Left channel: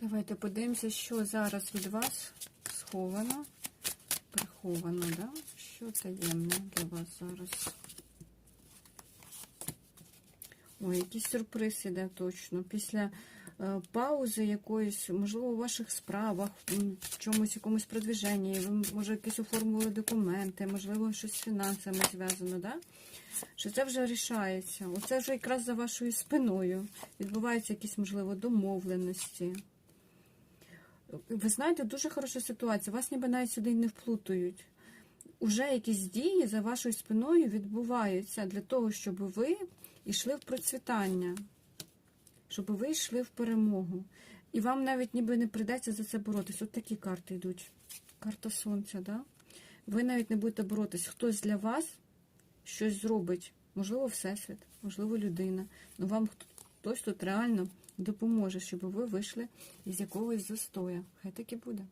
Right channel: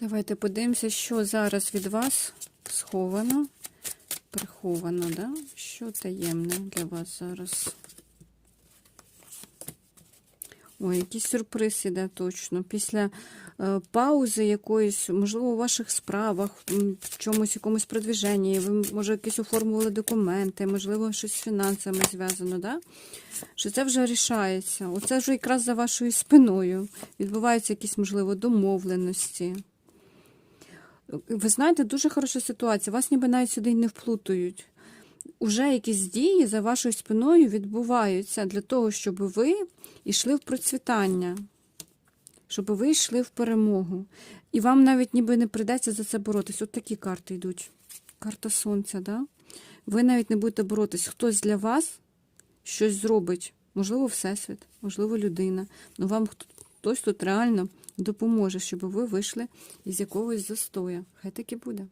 Давайте подивимося, що зараз від вас сховано, приховано, да? Що таємне для вас зараз? Ой, якийсь сюрприз іде точно. Після паузи якоїсь, можливо, у ваших справах, в чомусь, якомусь продвіженні, ви, може, якісь оформили документи, можливо, щось з фінансами зв'язано, да? Що це вже рішається. Оце вже якраз за вашою спиною. Відбуваються якісь, можливо, домовленості. Ви знаєте, дуже хороша ситуація. Вас ніби навіть сюди не вплутують. Уже якісь дії за вашою спиною відбуваються для того, щоб ви йшли в процвітання, щоб ви йшли в перемогу. І вам навіть ніби не прийдеться за це боротись. От такі карти йдуть. Карта сонця, да? Ви навіть не будете боротись. Хтось для вас щось зробить. Можливо, Всесвіт, можливо, людина. Но вам хтось тут реально допоможе, щоб ви вийшли із якогось застоя. Хай так і буде.